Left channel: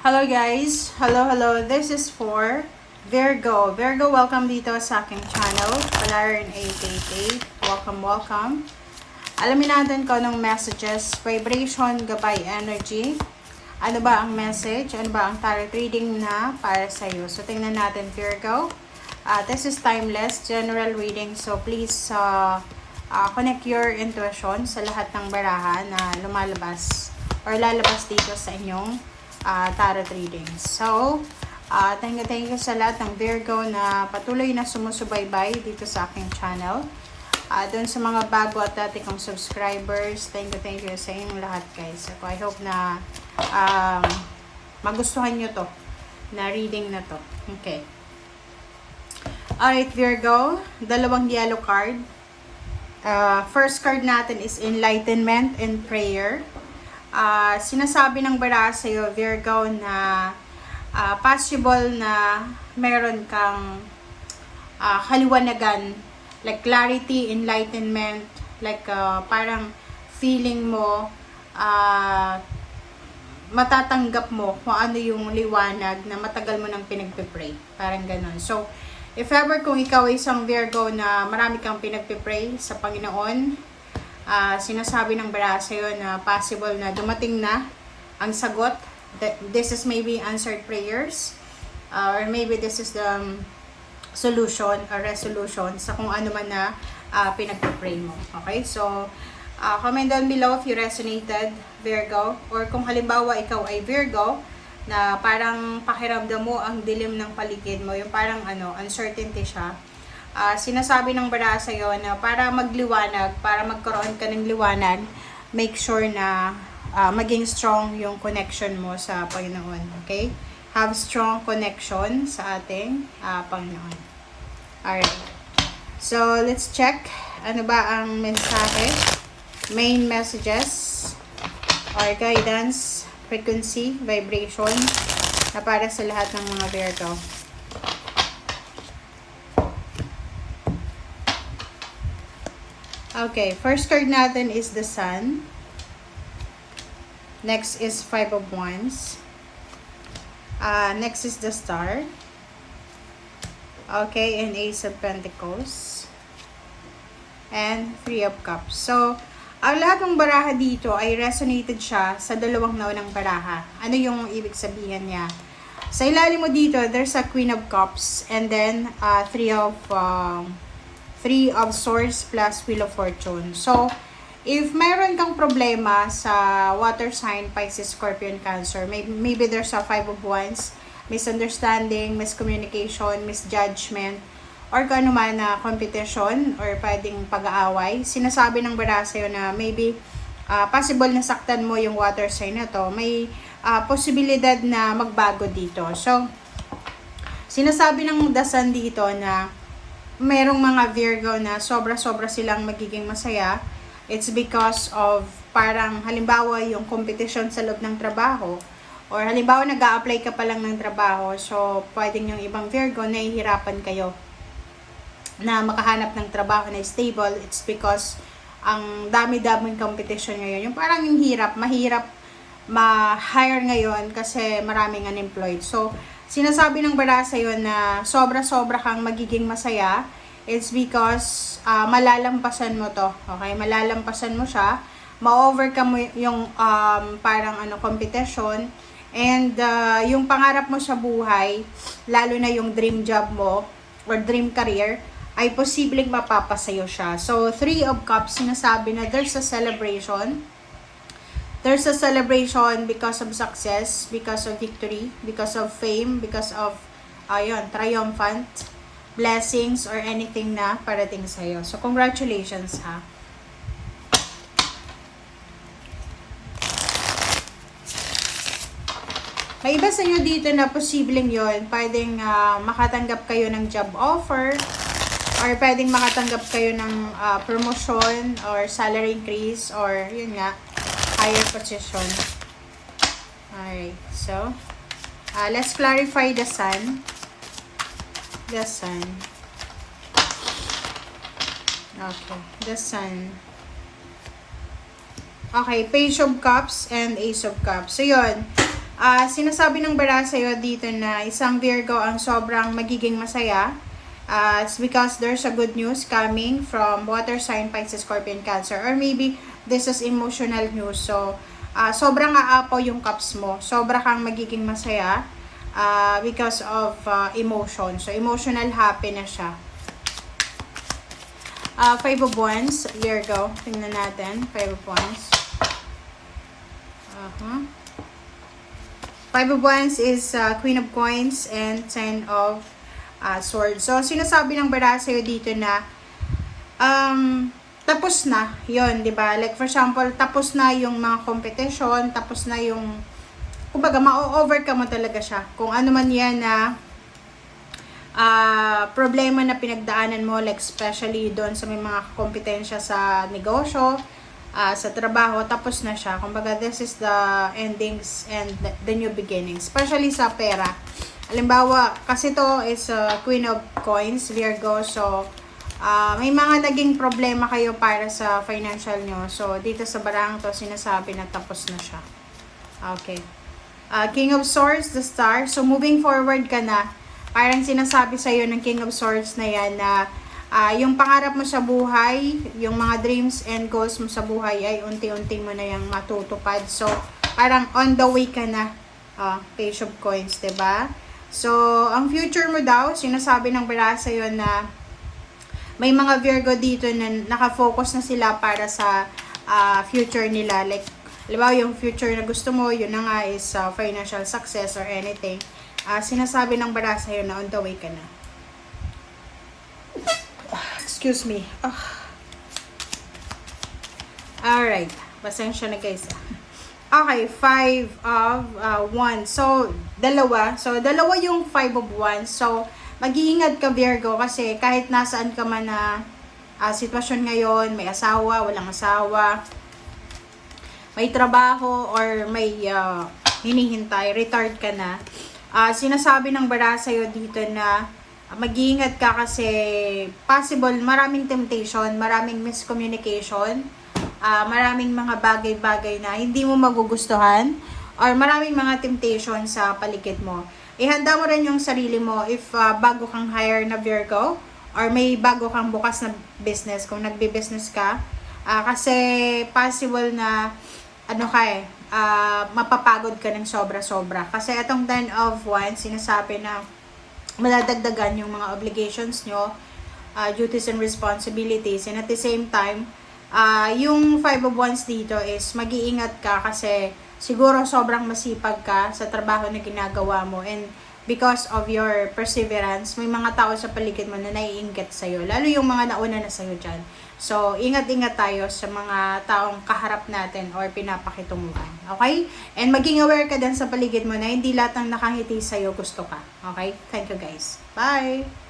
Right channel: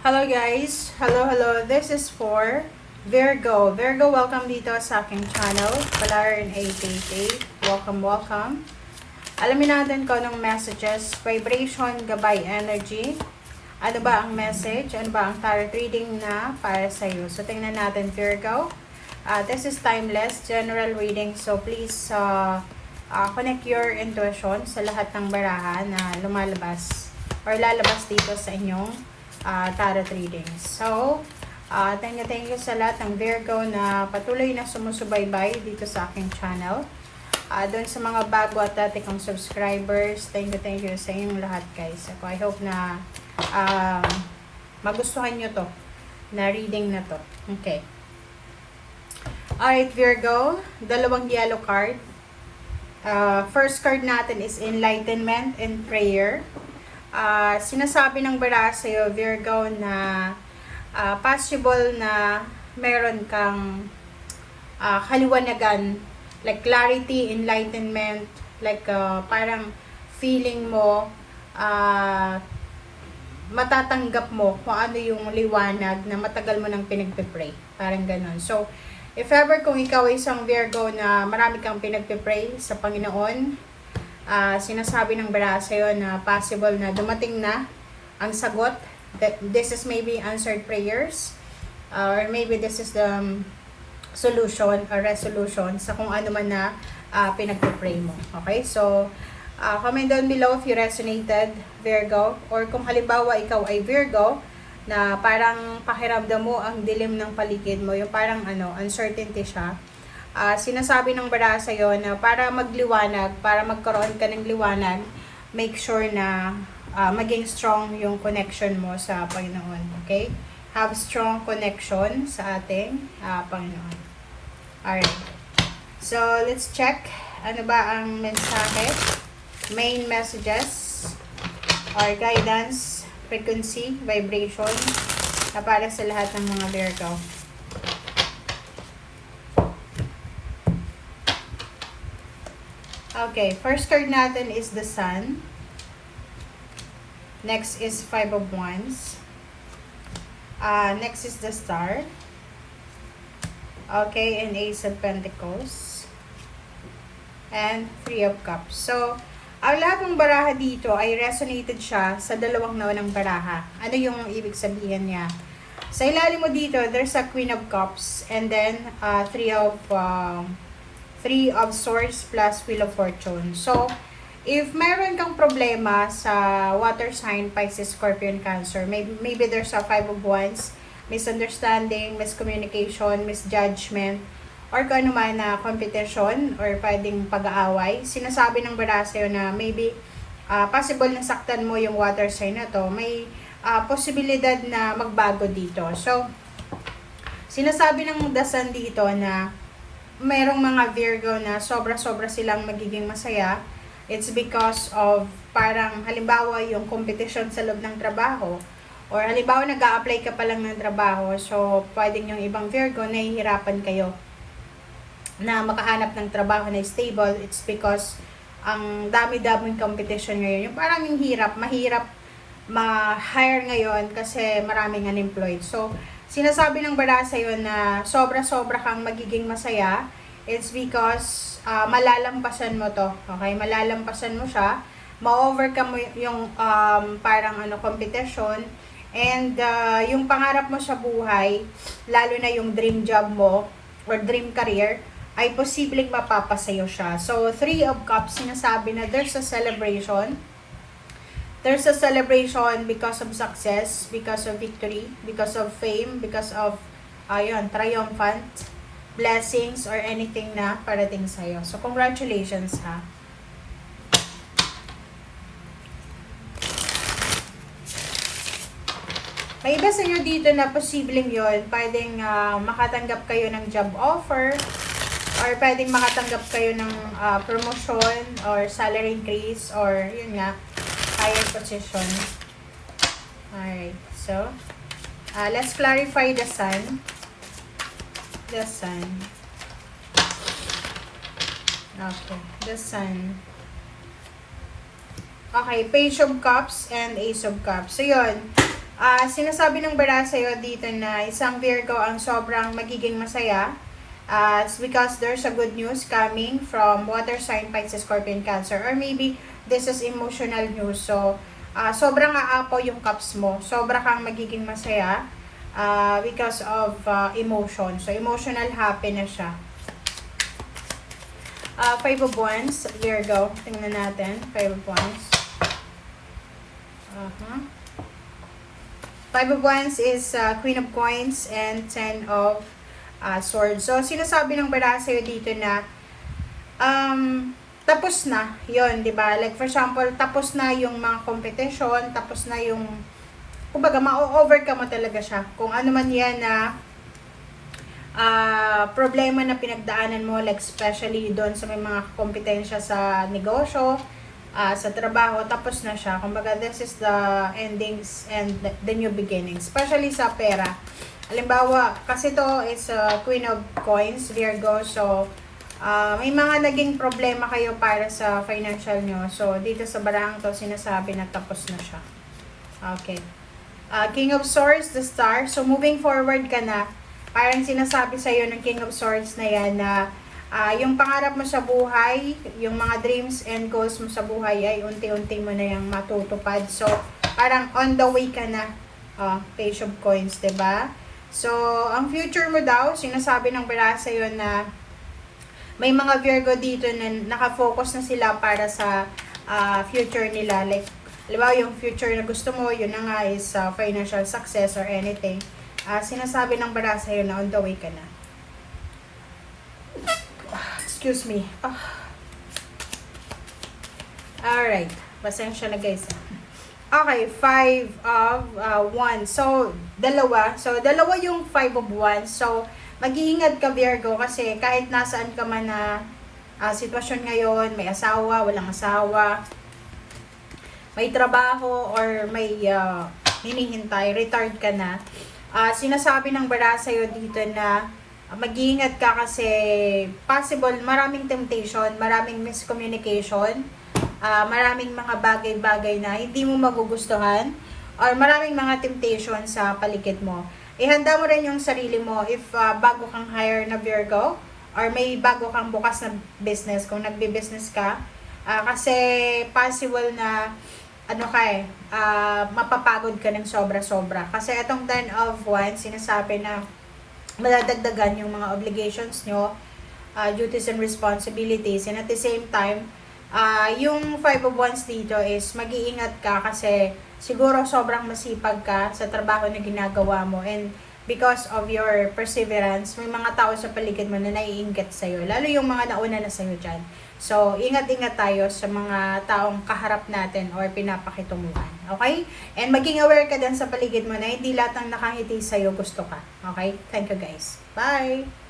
Hello guys! Hello! This is for Virgo. Virgo, welcome dito sa aking channel. Palarin 888. Welcome. Alamin natin kung anong messages, vibration, gabay, energy. Ano ba ang message? Ano ba ang tarot reading na para sa iyo? So, tingnan natin Virgo. This is timeless, general reading. So, please connect your intuition sa lahat ng baraha na lumalabas or lalabas dito sa inyong tarot readings. So, thank you sa lahat ng Virgo na patuloy na sumusubaybay dito sa aking channel. Doon sa mga bago at dati kong subscribers, thank you sa inyong lahat guys. So, I hope na magustuhan nyo to, na reading na to. Okay. Alright Virgo, dalawang yellow card. First card natin is Enlightenment and Prayer. Sinasabi ng bara sa'yo, Virgo, na possible na meron kang kaliwanagan, like clarity, enlightenment, like parang feeling mo, matatanggap mo kung ano yung liwanag na matagal mo nang pinagpipray. Parang ganun. So, if ever kung ikaw ay isang Virgo na marami kang pinagpipray sa Panginoon, sinasabi ng bara sa'yo na possible na dumating na ang sagot. This is maybe answered prayers, or maybe this is the solution or resolution sa kung ano man na pinagpipray mo. Okay? So, comment down below if you resonated, Virgo, or kung halimbawa ikaw ay Virgo na parang pakiramdam mo ang dilim ng paligid mo, yung parang uncertainty siya. Sinasabi ng bara sa'yo na para magliwanag, para magkaroon ka ng liwanag, make sure na maging strong yung connection mo sa Panginoon. Okay? Have strong connection sa ating Panginoon. Alright. So, let's check. Ano ba ang mensahe? Main messages or guidance, frequency, vibration na para sa lahat ng mga Virgo. Okay, first card natin is the Sun. Next is Five of Wands. Next is the Star. Okay, and Ace of Pentacles. And Three of Cups. So, ang lahat ng baraha dito ay resonated siya sa dalawang naunang baraha. Ano yung ibig sabihin niya? Sa ilalim mo dito, there's a Queen of Cups and then Three of Swords plus Wheel of Fortune. So, if mayroon kang problema sa water sign, Pisces, Scorpion, Cancer, maybe there's a Five of Wands, misunderstanding, miscommunication, misjudgment, or kung ano man na competition or pwedeng pag-aaway, sinasabi ng bara sa'yo na maybe possible na saktan mo yung water sign na to. May posibilidad na magbago dito. So, sinasabi ng dasan dito na merong mga Virgo na sobra-sobra silang magiging masaya. It's because of parang halimbawa yung competition sa loob ng trabaho, or halimbawa nag-a-apply ka pa lang ng trabaho, so pwedeng yung ibang Virgo nahihirapan kayo na makahanap ng trabaho na stable. It's because ang dami-daming competition ngayon. Yung parang yung mahirap ma-hire ngayon kasi maraming unemployed. So, sinasabi ng bara sa'yo na sobra-sobra kang magiging masaya. It's because malalampasan mo to. Okay? Malalampasan mo siya. Ma-overcome mo yung parang competition. And yung pangarap mo sa buhay, lalo na yung dream job mo or dream career, ay posibleng mapapasayo siya. So, Three of Cups, sinasabi na there's a celebration. There's a celebration because of success, because of victory, because of fame, because of triumphant blessings or anything na parating sa'yo. So, congratulations ha. May iba sa inyo dito na posibleng yun. Pwedeng makatanggap kayo ng job offer, or pwedeng makatanggap kayo ng promotion or salary increase, or yun nga, higher position. Alright, so let's clarify the Sun. The Sun. Okay, the Sun. Okay, Page of Cups and Ace of Cups. So, yun. Sinasabi ng bara sa'yo dito na isang Virgo ang sobrang magiging masaya. It's because there's a good news coming from water sign, Pisces, Scorpion, Cancer. Or maybe this is emotional news. So, sobrang aapaw yung cups mo. Sobra kang magiging masaya because of emotion. So, emotional happy na siya. Five of Wands, Virgo. Tingnan natin. Five of Wands. Five of Wands is Queen of Coins and Ten of Swords. So, sinasabi ng bara sa'yo dito na tapos na yon, di ba? Like for example, tapos na yung mga competition, tapos na yung kumbaga ma-overcome mo talaga siya. Kung ano man yan na problema na pinagdaanan mo, like especially doon sa may mga kompetensya sa negosyo, sa trabaho, tapos na siya. Kumbaga, this is the endings and the new beginnings. Especially sa pera. Halimbawa, kasi to is Queen of Coins, Virgo. So, may mga naging problema kayo para sa financial nyo. So, dito sa barang to, sinasabi na tapos na siya. Okay. King of Swords, the Star. So, moving forward ka na. Parang sinasabi sa'yo ng King of Swords na yan na yung pangarap mo sa buhay, yung mga dreams and goals mo sa buhay ay unti-unti mo na yung matutupad. So, parang on the way ka na. Page of Coins, diba? So, ang future mo daw, sinasabi ng bara sa'yo na may mga Virgo dito na nakafocus na sila para sa future nila. Like, halimbawa yung future na gusto mo, yun na nga is financial success or anything. Sinasabi ng bara sa'yo na on the way ka na. Excuse me. Alright. Pasensya na guys. Okay, Five of Wands. So, dalawa. So, dalawa yung Five of Wands. So, mag-iingat ka Virgo kasi kahit nasaan ka man na sitwasyon ngayon, may asawa, walang asawa, may trabaho, or may hinihintay, retired ka na, sinasabi ng bara sa'yo dito na mag-iingat ka kasi possible maraming temptation, maraming miscommunication, maraming mga bagay-bagay na hindi mo magugustuhan, or maraming mga temptation sa paligid mo. Ihanda mo rin yung sarili mo if bago kang hire na Virgo, or may bago kang bukas na business, kung nagbe-business ka, kasi possible na mapapagod ka ng sobra-sobra. Kasi itong Ten of Wands, sinasabi na madadagdagan yung mga obligations nyo, duties and responsibilities, and at the same time, yung Five of Wands dito is mag-iingat ka kasi siguro sobrang masipag ka sa trabaho na ginagawa mo, and because of your perseverance, may mga tao sa paligid mo na naiinggit sa'yo, lalo yung mga nauna na sa'yo dyan. So, ingat-ingat tayo sa mga taong kaharap natin or pinapakitunguhan. Okay? And maging aware ka din sa paligid mo na hindi lahat ng nakangiti sa'yo gusto ka. Okay? Thank you guys. Bye!